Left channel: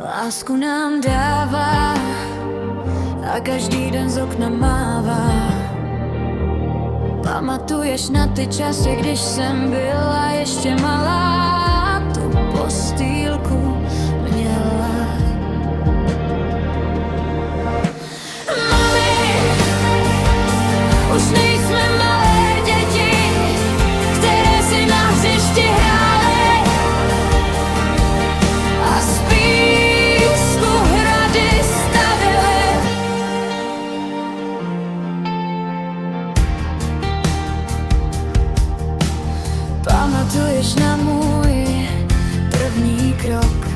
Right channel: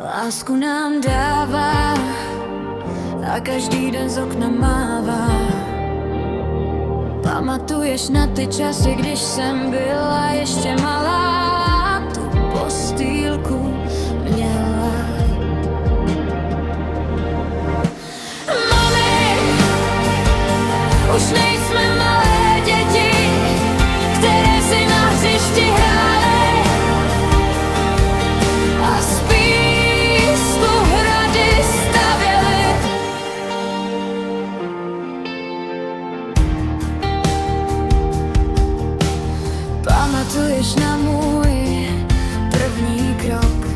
Lásku nám dává a každý den z okna mává. Pamatuješ na ty časy, když jsem byla ještě malá, tu postýlku měla. Mami, už nejsme malé děti, které si na hřišti hrály a z písku hrady stavěly. Pamatuješ na můj první krok,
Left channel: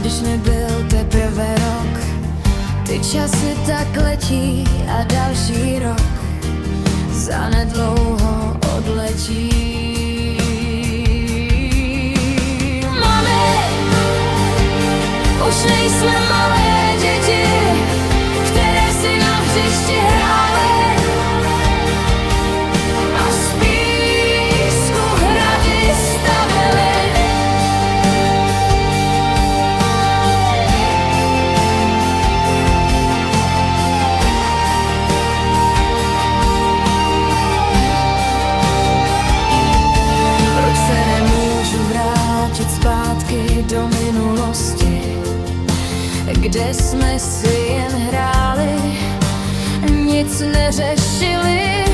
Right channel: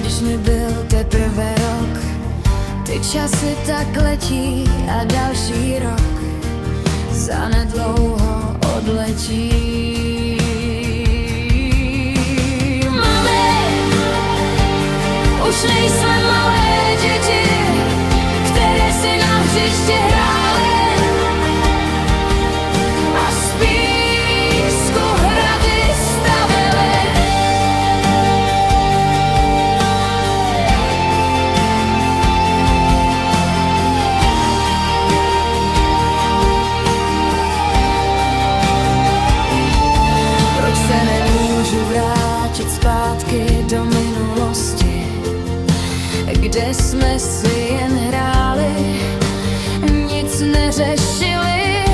když mi byl teprve rok? Ty časy tak letí a další rok zanedlouho odletí. Mami, už nejsme malé děti, které si na hřišti hrály a z písku hrady stavěly. Proč se nemůžu vrátit zpátky do minulosti, kde jsme si jen hráli, nic neřešili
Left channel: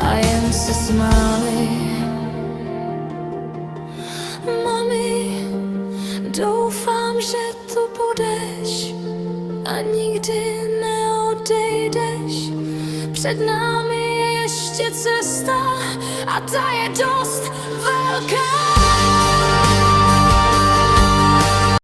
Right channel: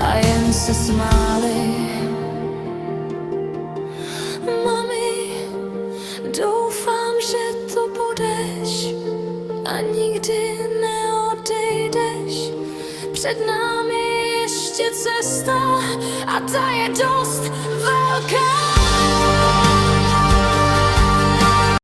a jen se smáli. Mami, doufám, že tu budeš a nikdy neodejdeš. Před námi je ještě cesta a ta je dost velká.